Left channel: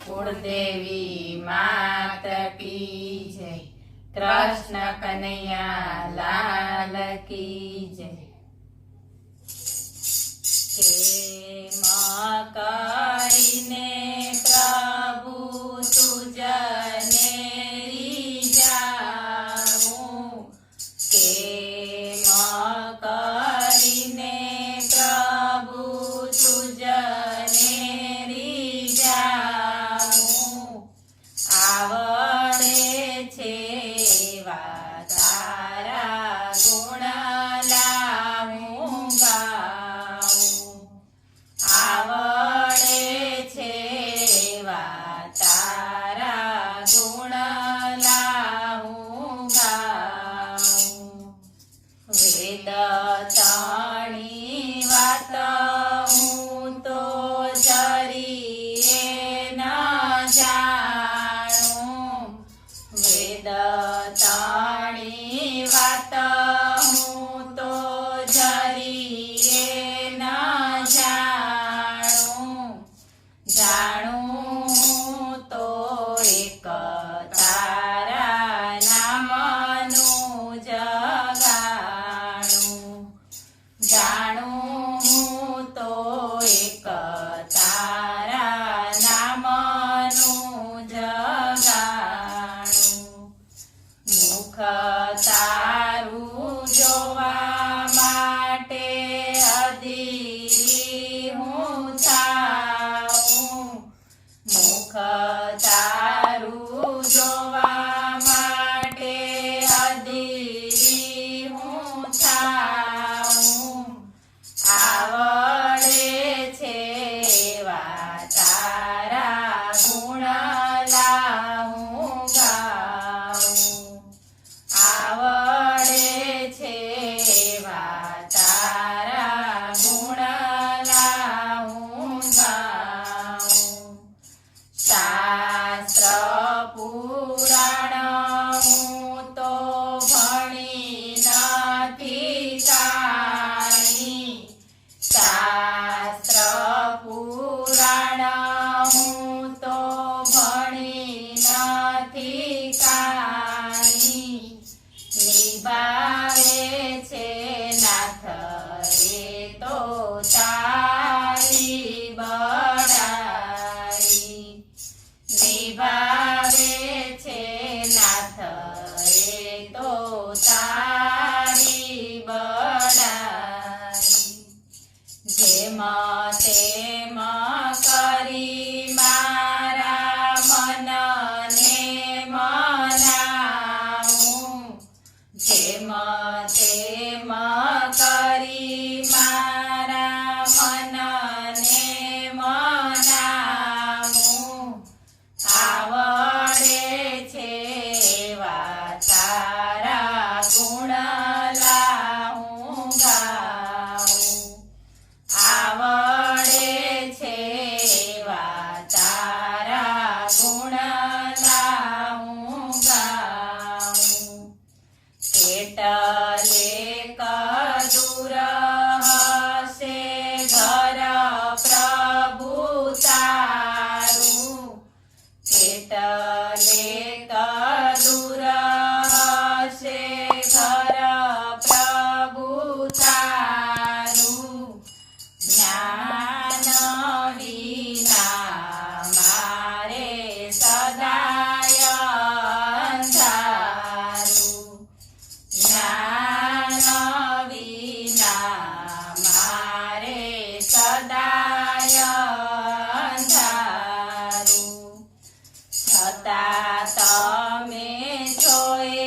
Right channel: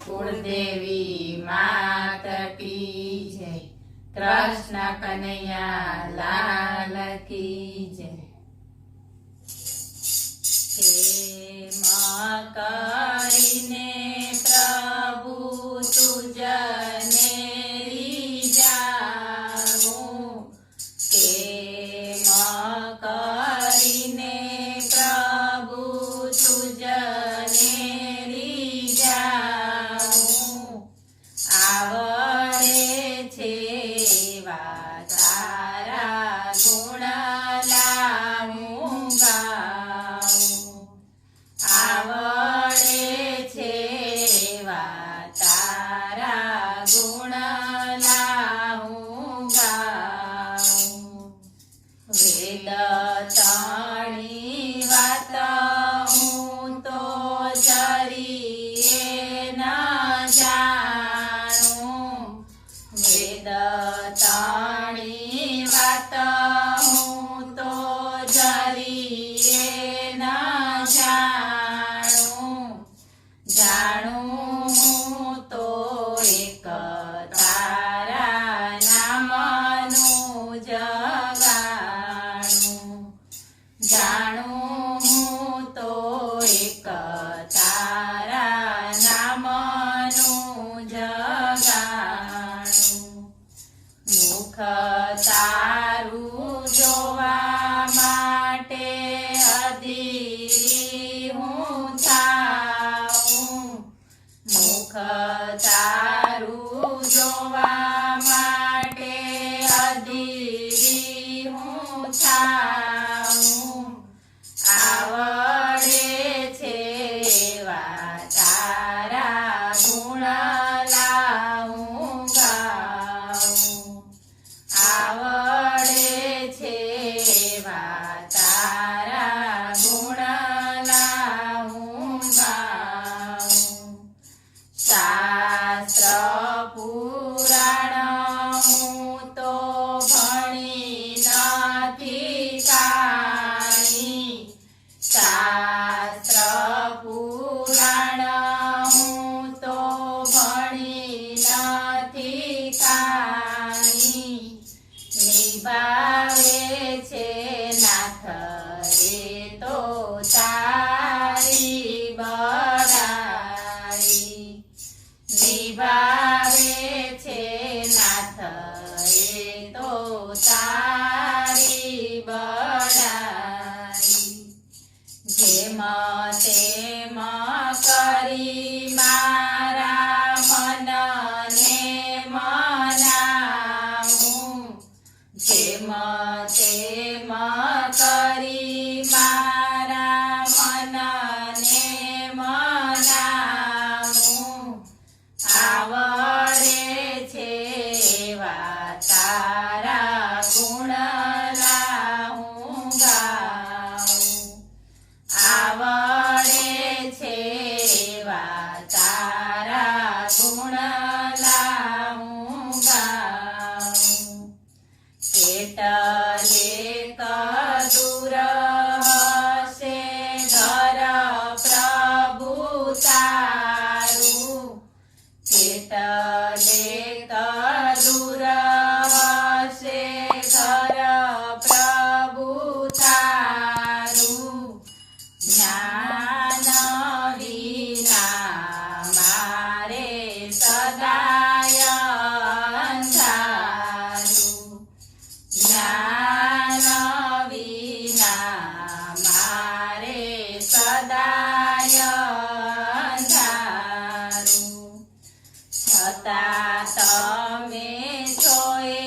कुलदेवी मात की जय। कृष्ण कन्हैया लाल की जय। केम करीने प्रभु तुजने रीझाऊं, केम करीने प्रभु तुजने रीझाऊं। आवडे छे एवा तारा गुण लाऊं गाऊं। आवडे छे एवा तारा गुण लाऊं गाऊं। वेद ताणी वात हूँ तो जरीए न जाणूं। वेद ताणी वात हूँ तो जरीए न जाणूं। जाणूं तो एक तारा नामનું જગાણું। જાણું તો એક તારા નામનું જગાણું। મુખ તારું જોવા માટે અધીરી હું થાઉં। મુખ તારું જોવા માટે અધીરી હું થાઉં। આવડે છે એવા તારા ગુણ લાઉં ગાઉં। આવડે છે એવા તારા ગુણ લાઉં ગાઉં। શાસ્ત્ર પુરાણ હું તો ભણી નથી કાંઈ। શાસ્ત્ર પુરાણ હું તો ભણી નથી કાંઈ। નિભાવે છે નાથ એ તો તારી બડાઈ। નિભાવે છે નાથ એ તો તારી બડાઈ। જેમ તેમ કરી મારા મનને મનાવું। જેમ તેમ કરી મારા મનને મનાવું। આવડે છે એવા તારા ગુણ લાઉં ગાઉં। આવડે છે એવા તારા ગુણ લાઉં ગાઉં। કેટલે કદૂર હશે ઘર પ્રભુ તારું। કેટલે કદૂર હશે ઘર પ્રભુ તારું। જ્ઞાન વિના મારે સદાય અંધારું। જ્ઞાન વિના મારે સદાય અંધારું। છતાં તમે છો એ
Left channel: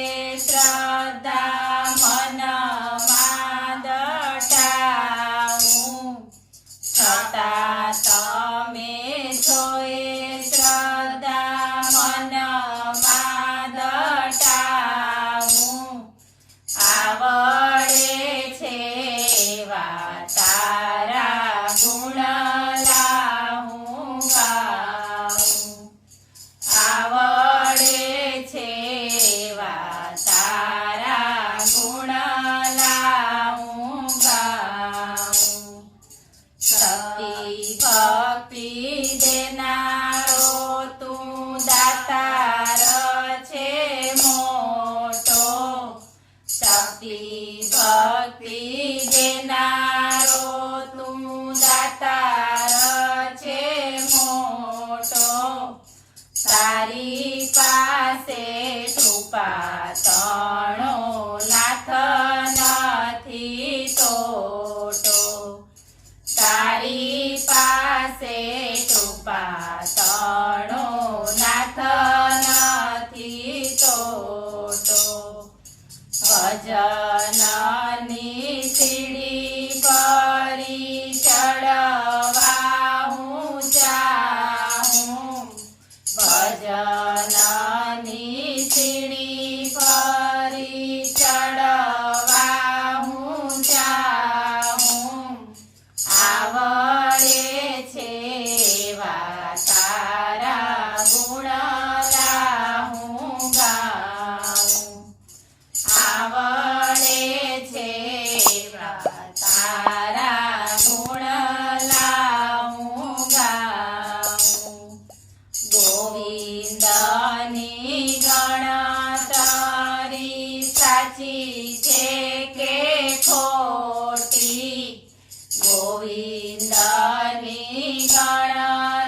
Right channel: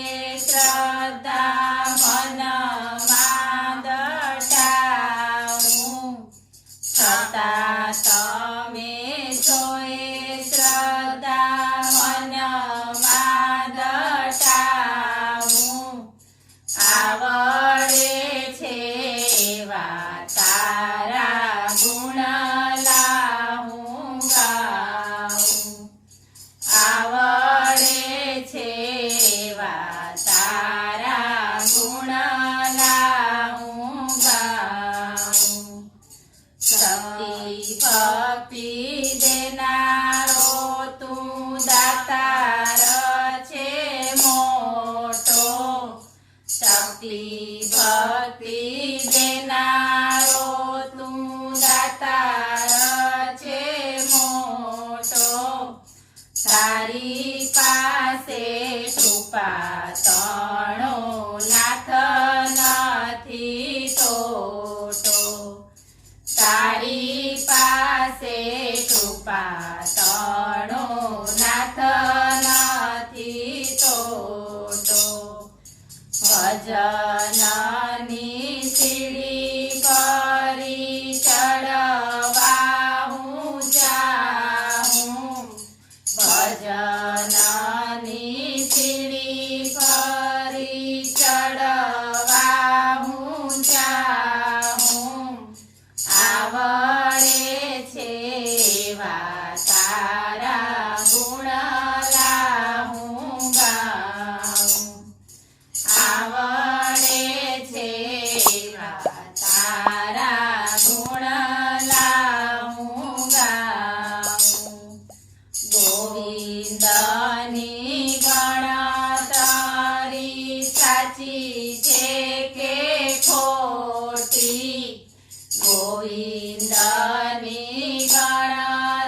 શ્રદ્ધા મનમાં દટાવું। છતાં તમે છો એ શ્રદ્ધા મનમાં દટાવું। આવડે છે એવા તારા ગુણ લા કૃપા તણો નાથ નથી ટોટો તારી પાસે કૃપા તણો નાથ નથી ટોટો ભજનની સીડી કરી ચડવા હું જાઉં ભજનની સીડી કરી ચડવા હું જાઉં આવડે છે એવા તારા ગુણ લાહું ગાઉં આવડે છે એવા તારા ગુણ લાહું ગાઉં ગોવિંદની ગણતરી સાચી છે કે ખોટી ગોવિંદની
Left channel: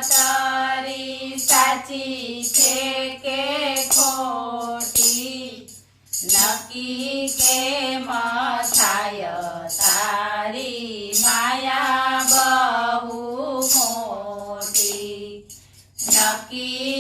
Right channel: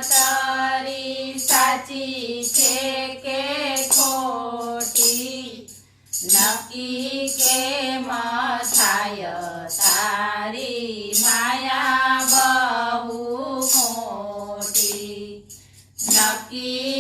ગણતરી સાચી છે કે ખોટી નક્કી કેમ થાય તારી માયા બહુ મોટી નક્કી